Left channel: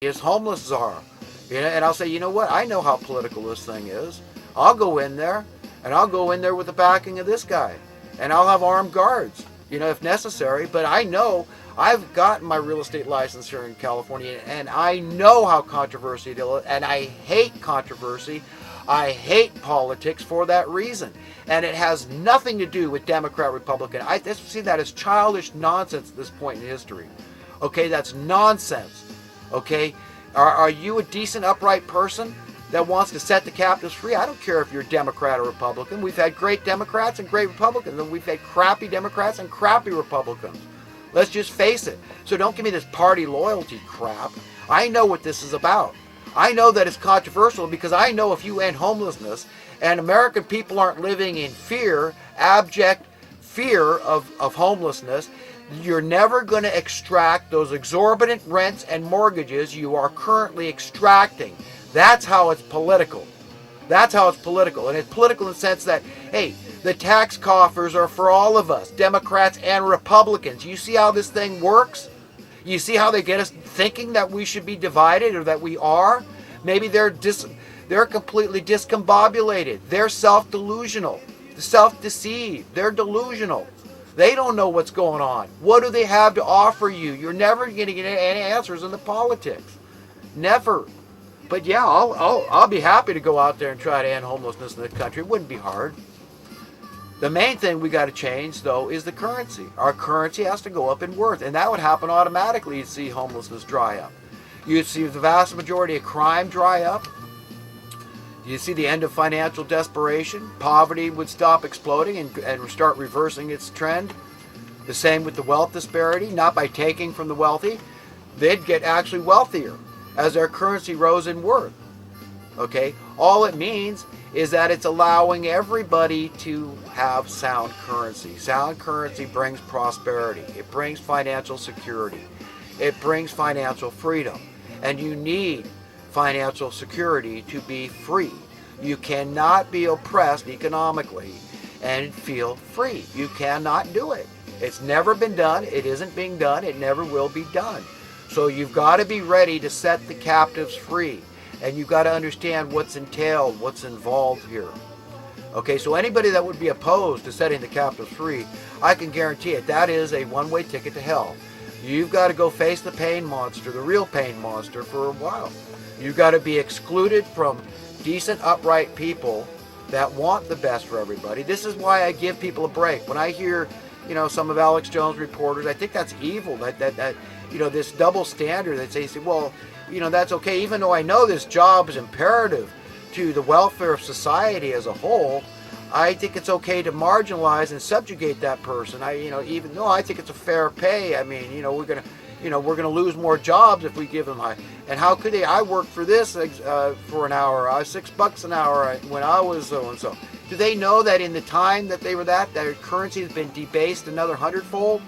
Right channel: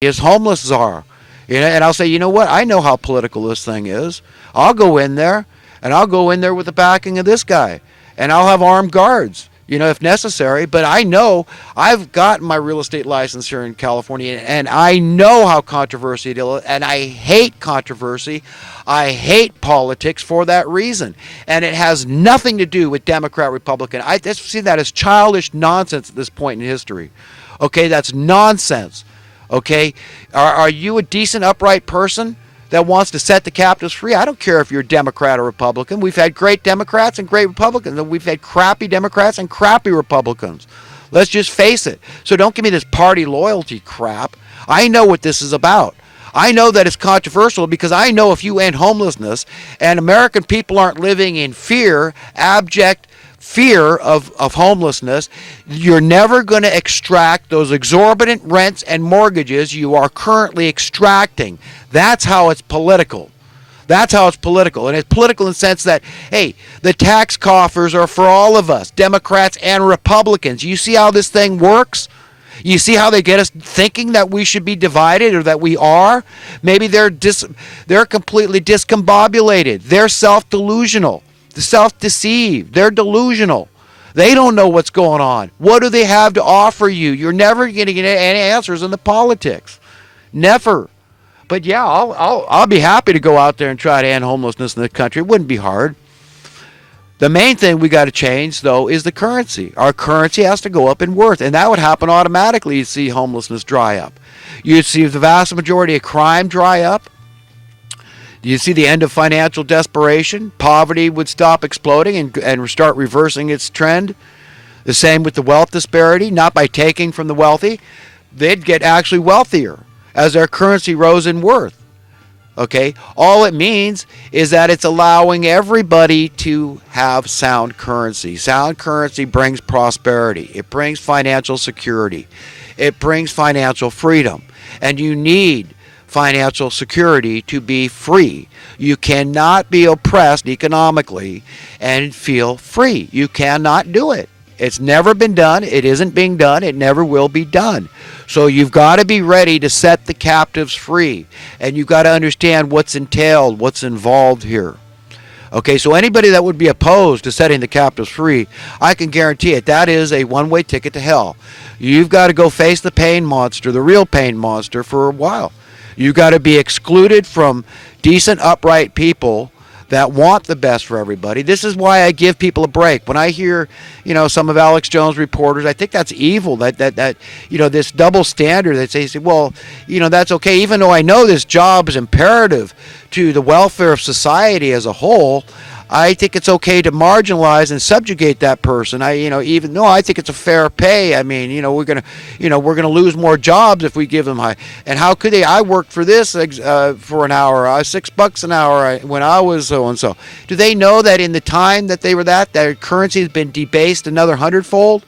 as homeless czar. And I'll say, you know what? I know how political this thing is. I'll go in there, and I'll go in there with the backing of this guy, and I'll have armed guards, if necessary. But I know I've gotten my real estate license here in California, and I know how controversial it is, and I hate controversy. I hate politics for that reason. And it has nothing to do with Democrat, Republican. I just see that as childish nonsense at this point in history. Okay, that's nonsense. Okay, are you a decent, upright person that wants to set the captives free? I don't care if you're Democrat or Republican. We've had great Democrats and great Republicans, and we've had crappy Democrats and crappy Republicans. Let's just face it. So don't give me this party loyalty crap. I know what this is about. I know that it's controversial because I know if you end homelessness and American people aren't living in fear, abject fear of homelessness, you're never going to extract those exorbitant rents and mortgages you are currently extracting. That's how it's political. That's how it's political. And it's political in the sense that, hey, the tax coffers are for all of us, Democrats and Republicans. You see how this thing works? You see how they get us thinking that we should be divided or that we are? Maybe they're completely discombobulated. They're self-delusional, self-deceived. They're delusional. They don't know what's going on. What do they have to offer you? You're never going to get any answers in the politics. Never. But yeah, I'll be happy to go out there and try to end homelessness in the country. It wouldn't be hard. The main thing we got to change, though, is the currency. Our currency has to go up in worth, and that would happen automatically. You'd see homelessness dry up. You'd see the vast majority of crime dry up. You'd see the end of financial desperation. Poverty would stop exploding and start reversing its trend. The same with the wealth disparity, not by taking from the wealthy. They'd get actually wealthier as their currency rose in worth. Okay, all it means is that it's allowing everybody to have sound currency. Sound currency brings prosperity. It brings financial security. It brings financial freedom. And you need financial security to be free. You cannot be oppressed economically and feel free. You cannot do it. It's never been done. It isn't being done. It never will be done. So you've got to be ready to set the captives free. And you've got to understand what's entailed, what's involved here. Okay, so anybody that would be opposed to setting the captives free, I can guarantee it, that is a one-way ticket to hell. You've got to go face the pain monster, the real pain monster, for a while. You've got to be excluded from decent, upright people that want the best for everybody. This is why I give people a break. When I hear, some of Alex Jones' reporters, I think that's evil. That this double standard that they say, well, that's okay. Even though I know this job is imperative to the welfare of society as a whole, I think it's okay to marginalize and subjugate that person. Even though I think it's a fair pay. I mean, we're gonna lose more jobs if we give them high. And how could they? I worked for this for an hour, $6 an hour when I was so and so. Do they know that in the time that they were that their currency has been debased another 100-fold?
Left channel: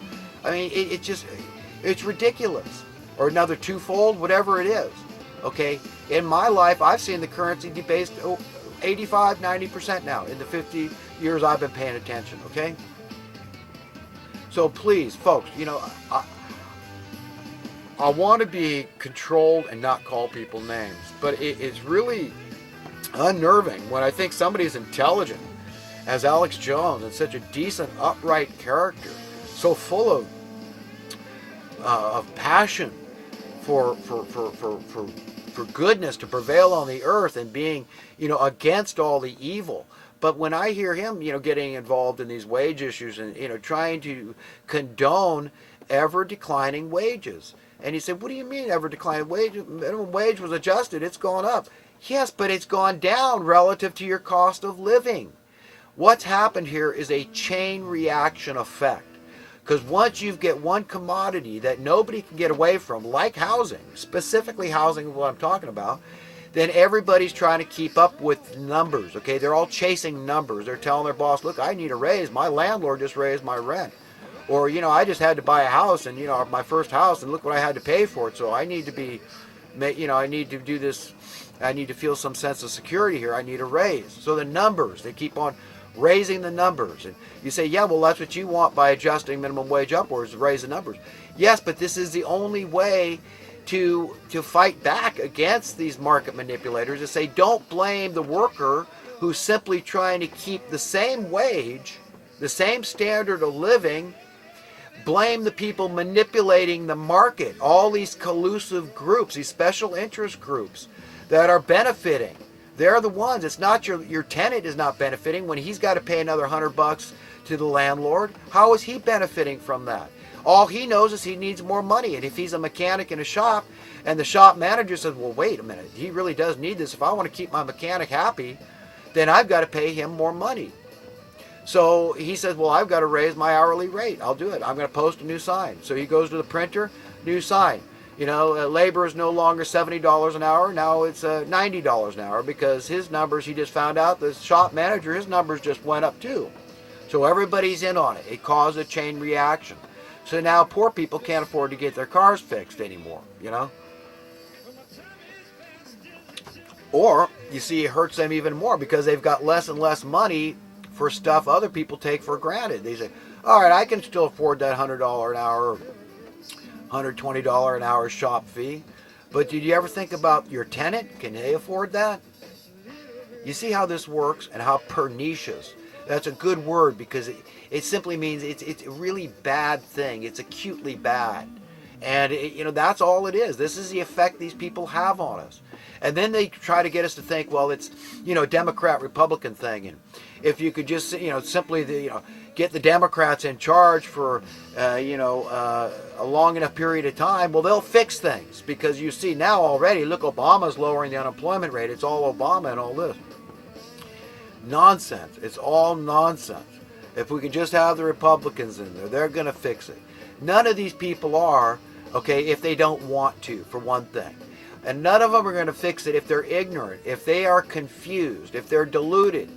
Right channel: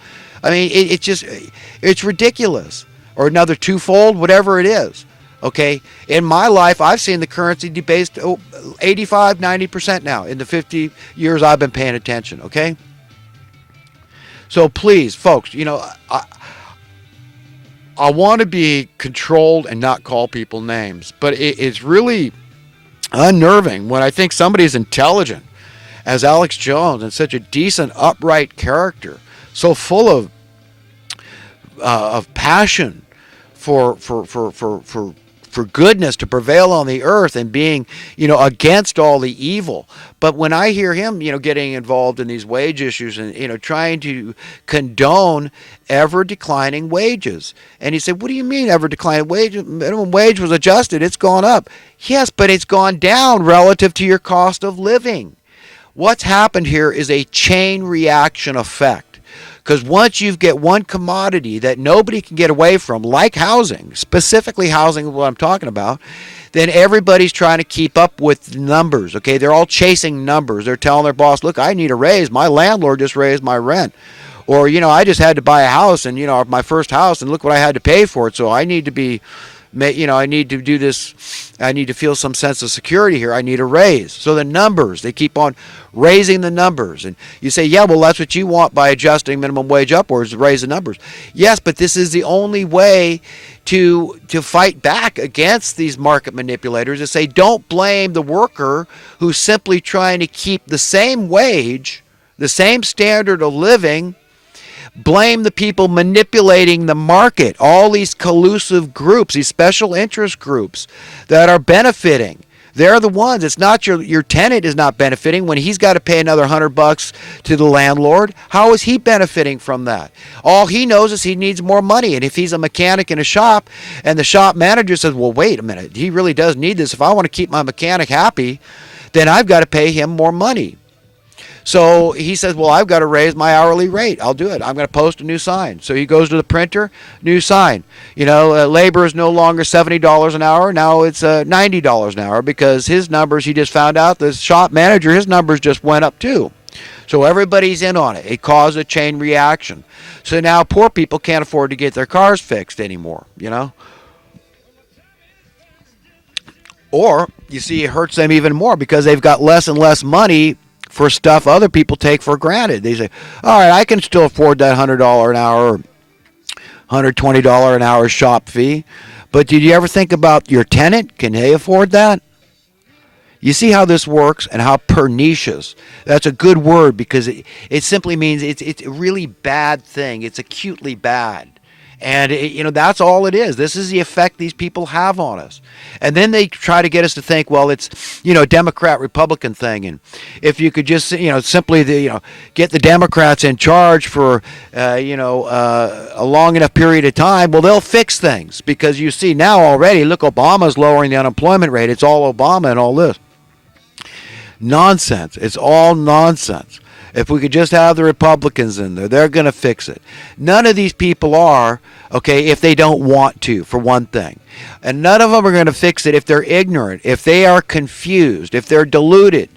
I mean, it's ridiculous, or another 2-fold, whatever it is. Okay, in my life, I've seen the currency debased 85, 90% now in the 50 years I've been paying attention. Okay, so please, folks, I want to be controlled and not call people names, but it's really unnerving when I think somebody as intelligent as Alex Jones and such a decent, upright character, so full of passion for goodness to prevail on the earth and being, against all the evil. But when I hear him, getting involved in these wage issues and, trying to condone ever declining wages. And he said, what do you mean ever declining wages? Minimum wage was adjusted. It's gone up. Yes, but it's gone down relative to your cost of living. What's happened here is a chain reaction effect. Because once you get one commodity that nobody can get away from, like housing, specifically housing is what I'm talking about, then everybody's trying to keep up with numbers, okay? They're all chasing numbers. They're telling their boss, look, I need a raise. My landlord just raised my rent. Or, I just had to buy a house and, my first house, and look what I had to pay for it. So I need to be, I need to do this. I need to feel some sense of security here. I need a raise. So the numbers, they keep on raising the numbers. And you say, yeah, well, that's what you want by adjusting minimum wage upwards, to raise the numbers. Yes, but this is the only way to fight back against these market manipulators and say, don't blame the worker who's simply trying to keep the same wage, the same standard of living. Blame the people manipulating the market, all these collusive groups, these special interest groups that are benefiting. They're the ones. It's not your tenant is not benefiting when he's got to pay another $100 to the landlord. How is he benefiting from that? All he knows is he needs more money. And if he's a mechanic in a shop and the shop manager says, well, wait a minute, he really does need this. If I want to keep my mechanic happy, then I've got to pay him more money. So he says, well, I've got to raise my hourly rate. I'll do it. I'm going to post a new sign. So he goes to the printer, new sign. Labor is no longer $70 an hour. Now it's $90 an hour because his numbers, he just found out, the shop manager, his numbers just went up too. So everybody's in on it. It caused a chain reaction. So now poor people can't afford to get their cars fixed anymore, Or, you see, it hurts them even more because they've got less and less money for stuff other people take for granted. They say, all right, I can still afford that $100 an hour, $120 an hour shop fee. But did you ever think about your tenant? Can they afford that? You see how this works and how pernicious. That's a good word because it simply means it's a really bad thing. It's acutely bad. And, that's all it is. This is the effect these people have on us. And then they try to get us to think, well, it's, Democrat-Republican thing. And if you could just, simply, get the Democrats in charge for, a long enough period of time, well, they'll fix things. Because you see now already, look, Obama's lowering the unemployment rate. It's all Obama and all this. Nonsense. It's all nonsense. If we could just have the Republicans in there, they're going to fix it. None of these people are, if they don't want to, for one thing. And none of them are going to fix it if they're ignorant, if they are confused, if they're deluded.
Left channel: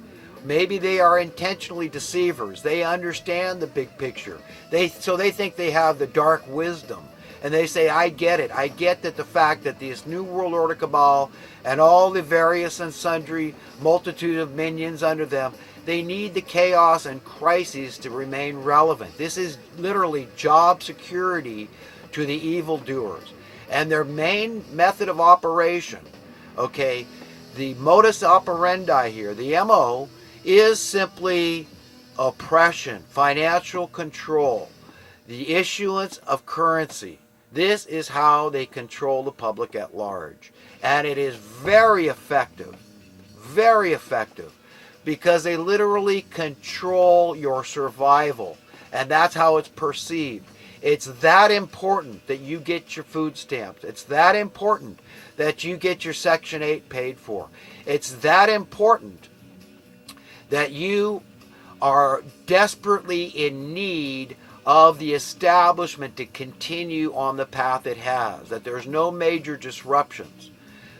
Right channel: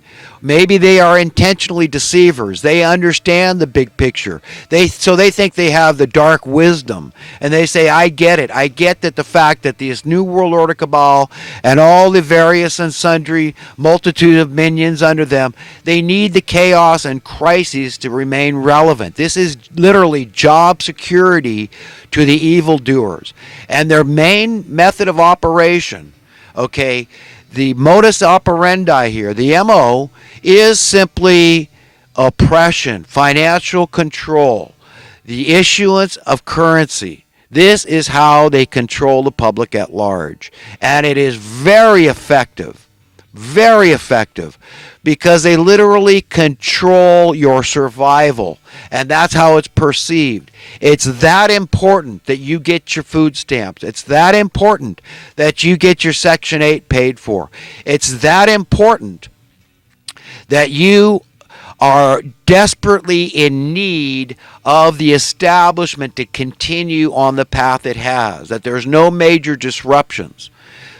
Maybe they are intentionally deceivers. They understand the big picture. So they think they have the dark wisdom. And they say, I get it. I get that the fact that this New World Order cabal and all the various and sundry multitude of minions under them, they need the chaos and crises to remain relevant. This is literally job security to the evildoers. And their main method of operation, the modus operandi here, the MO, is simply oppression, financial control, the issuance of currency. This is how they control the public at large. And it is very effective, because they literally control your survival. And that's how it's perceived. It's that important that you get your food stamps. It's that important that you get your Section 8 paid for. It's that important that you are desperately in need of the establishment to continue on the path it has, that there's no major disruptions.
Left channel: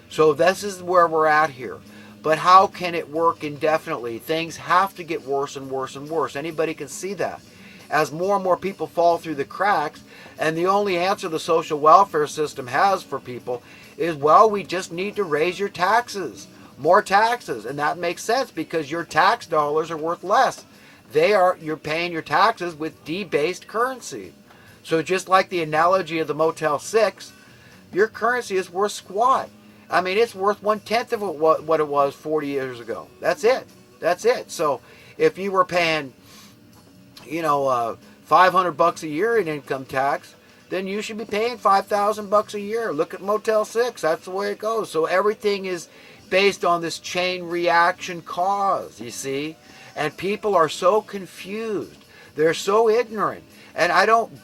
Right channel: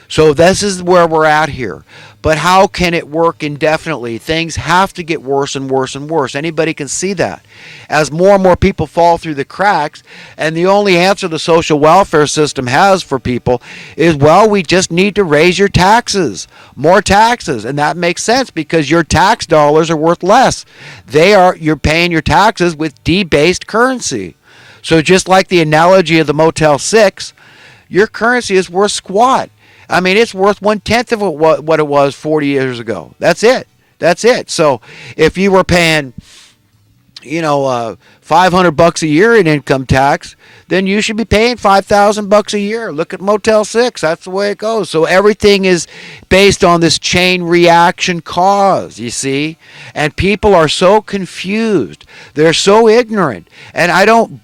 So this is where we're at here. But how can it work indefinitely? Things have to get worse and worse and worse. Anybody can see that. As more and more people fall through the cracks, and the only answer the social welfare system has for people is, well, we just need to raise your taxes, more taxes. And that makes sense because your tax dollars are worth less. You're paying your taxes with debased currency. So just like the analogy of the Motel 6, your currency is worth squat. I mean, it's worth 1/10 of what it was 40 years ago. That's it. So if you were paying, $500 a year in income tax, then you should be paying $5,000 a year. Look at Motel 6. That's the way it goes. So everything is based on this chain reaction cause, you see? And people are so confused. They're so ignorant. And I don't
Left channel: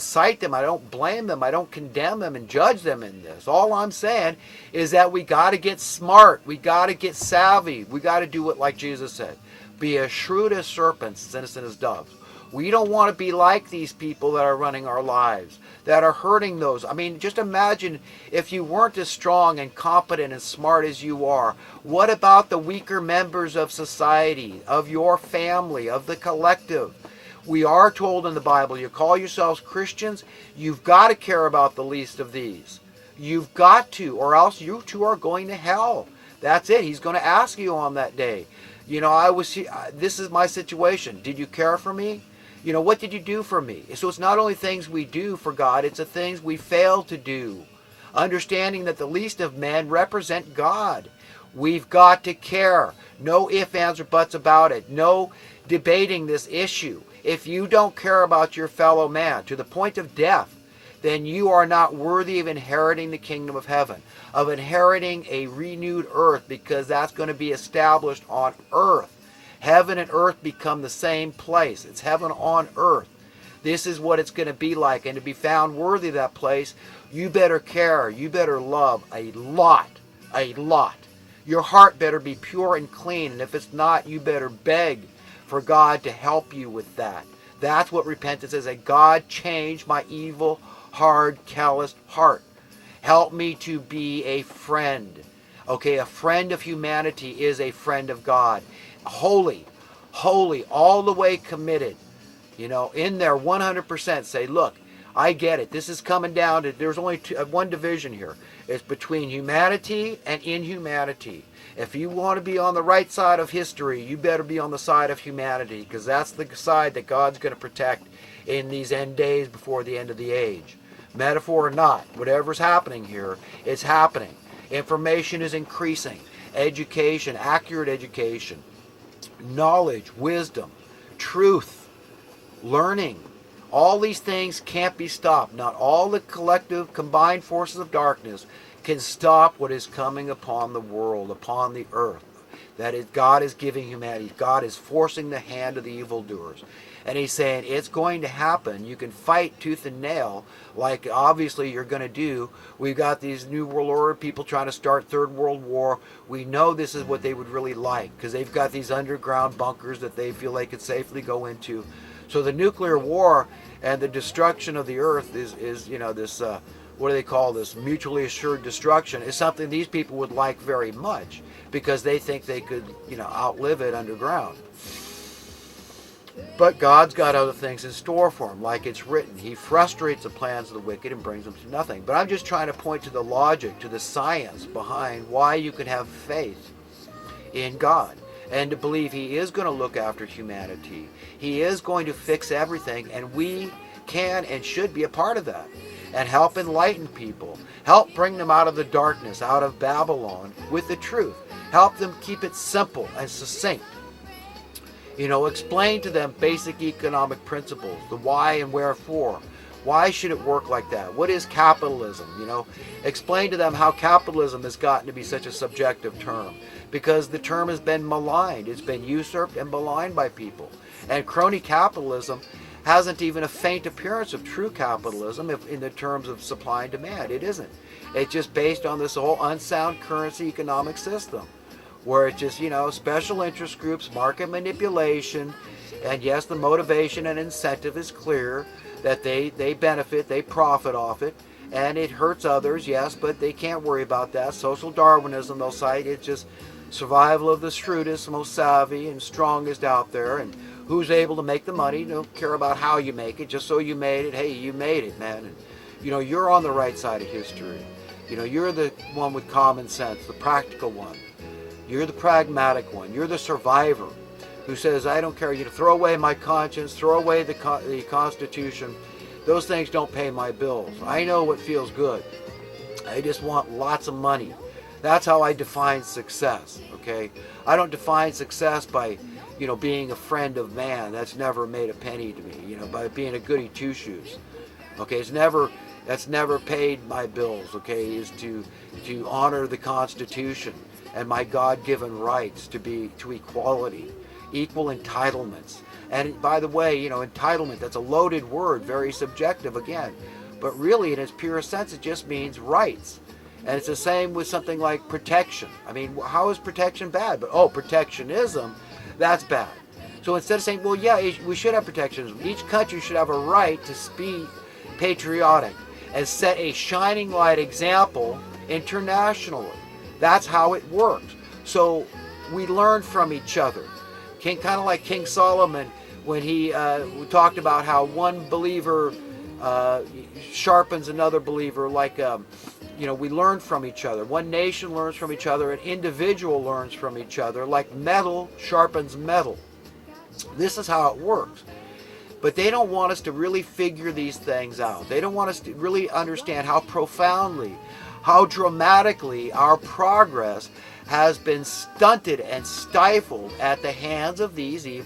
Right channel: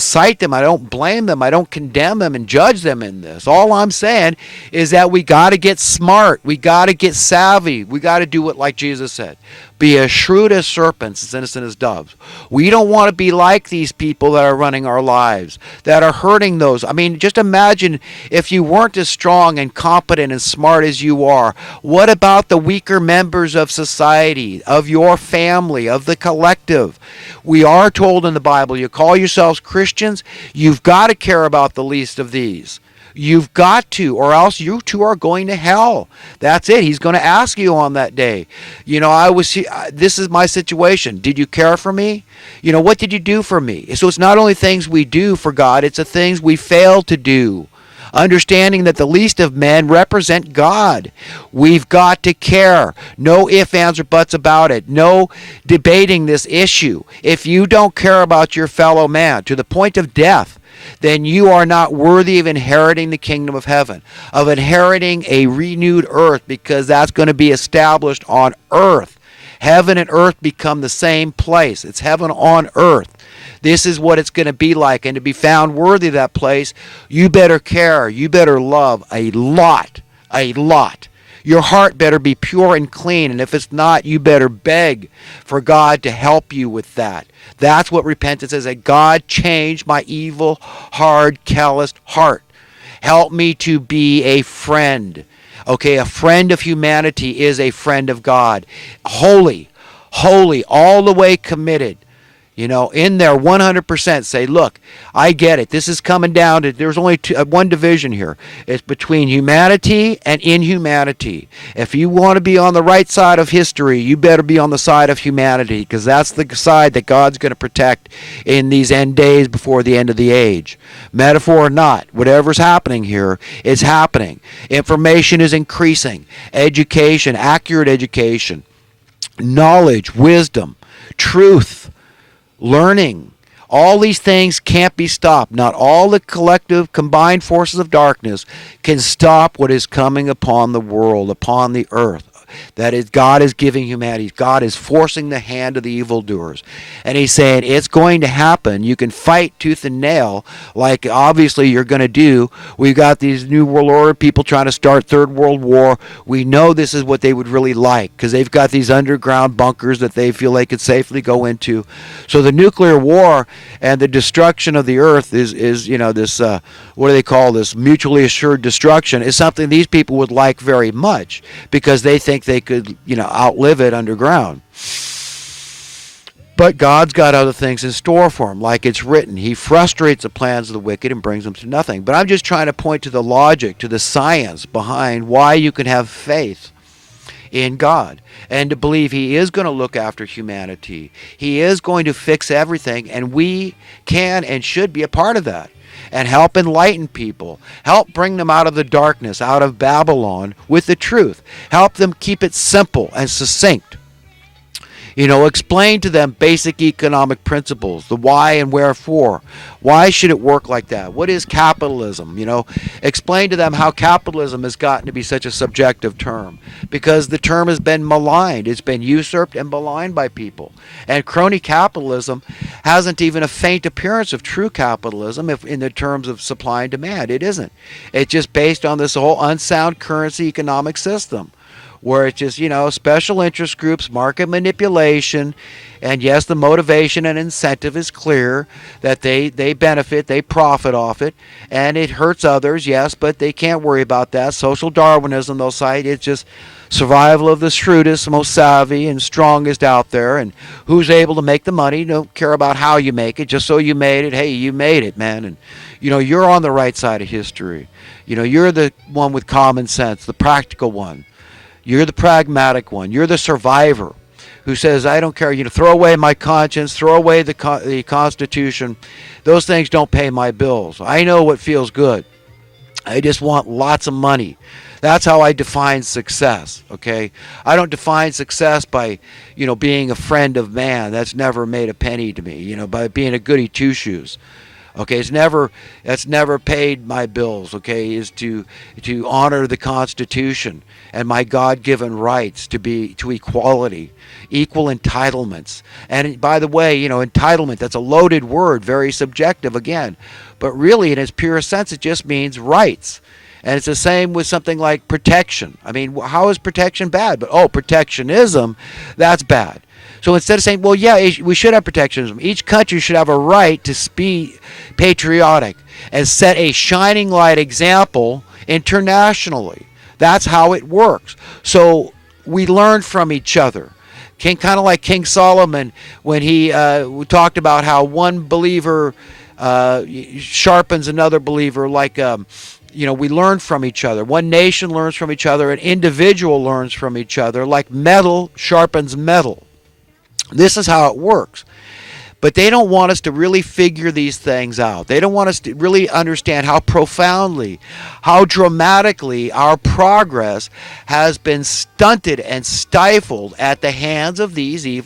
cite them. I don't blame them. I don't condemn them and judge them in this. All I'm saying is that we got to get smart. We got to get savvy. We got to do it like Jesus said. Be as shrewd as serpents, as innocent as doves. We don't want to be like these people that are running our lives, that are hurting those. I mean, just imagine if you weren't as strong and competent and smart as you are. What about the weaker members of society, of your family, of the collective? We are told in the Bible, you call yourselves Christians, you've got to care about the least of these. You've got to, or else you too are going to hell. That's it. He's going to ask you on that day. This is my situation. Did you care for me? What did you do for me? So it's not only things we do for God, it's the things we fail to do. understanding that the least of men represent God. We've got to care. No ifs, ands, or buts about it. No debating this issue. If you don't care about your fellow man to the point of death, then you are not worthy of inheriting the kingdom of heaven, of inheriting a renewed earth, because that's going to be established on earth. Heaven and earth become the same place. It's heaven on earth. This is what it's going to be like. And to be found worthy of that place, you better care. You better love a lot. A lot. Your heart better be pure and clean. And if it's not, you better beg for God to help you with that. That's what repentance is. That God changed my evil, hard, calloused heart. Help me to be a friend. Okay, a friend of humanity is a friend of God. Holy, all the way committed. You know, in there 100% say, look, I get it. This is coming down to, there's only one division here. It's between humanity and inhumanity. If you want to be on the right side of history, you better be on the side of humanity, because that's the side that God's going to protect in these end days before the end of the age. Metaphor or not, whatever's happening here is happening. Information is increasing. Education, accurate education, knowledge, wisdom, truth, learning, all these things can't be stopped. Not all the collective combined forces of darkness can stop what is coming upon the world, upon the earth. That is, God is giving humanity. God is forcing the hand of the evildoers. And he's saying it's going to happen. You can fight tooth and nail, like obviously you're going to do. We've got these New World Order people trying to start Third World War. We know this is what they would really like, because they've got these underground bunkers that they feel they could safely go into. So the nuclear war and the destruction of the earth is you know, this, what do they call this, mutually assured destruction, is something these people would like very much, because they think they could, you know, outlive it underground. But God's got other things in store for them, like it's written. He frustrates the plans of the wicked and brings them to nothing. But I'm just trying to point to the logic, to the science behind why you can have faith in God, and to believe he is going to look after humanity. He is going to fix everything, and we can and should be a part of that, and help enlighten people, help bring them out of the darkness, out of Babylon, with the truth. Help them keep it simple and succinct. You know, explain to them basic economic principles, the why and wherefore. Why should it work like that? What is capitalism? You know, explain to them how capitalism has gotten to be such a subjective term, because the term has been maligned. It's been usurped and maligned by people. And crony capitalism hasn't even a faint appearance of true capitalism if in the terms of supply and demand. It isn't. It's just based on this whole unsound currency economic system, where it's just, you know, special interest groups, market manipulation, and yes, the motivation and incentive is clear, that they benefit, they profit off it, and it hurts others, yes, but they can't worry about that. Social Darwinism, they'll cite, it's just survival of the shrewdest, most savvy, and strongest out there, and who's able to make the money. Don't care about how you make it, just so you made it. Hey, you made it, man, and you know, you're on the right side of history. You know, you're the one with common sense, the practical one. You're the pragmatic one. You're the survivor who says, I don't care, you know, throw away my conscience, throw away the Constitution. Those things don't pay my bills. I know what feels good. I just want lots of money. That's how I define success, okay? I don't define success by, you know, being a friend of man. That's never made a penny to me, you know, by being a goody two-shoes. Okay, that's never paid my bills, okay, is to honor the Constitution and my God-given rights to equality, equal entitlements. And by the way, you know, entitlement, that's a loaded word, very subjective again. But really, in its pure sense, it just means rights. And it's the same with something like protection. I mean, how is protection bad? But, protectionism, that's bad. So instead of saying, well, yeah, we should have protectionism, each country should have a right to be patriotic and set a shining light example internationally. That's how it works. So we learn from each other. Kind of like King Solomon when he talked about how one believer sharpens another believer, like you know, we learn from each other. One nation learns from each other. An individual learns from each other, like metal sharpens metal. This is how it works. But they don't want us to really figure these things out. They don't want us to really understand how profoundly, how dramatically our progress has been stunted and stifled at the hands of these evil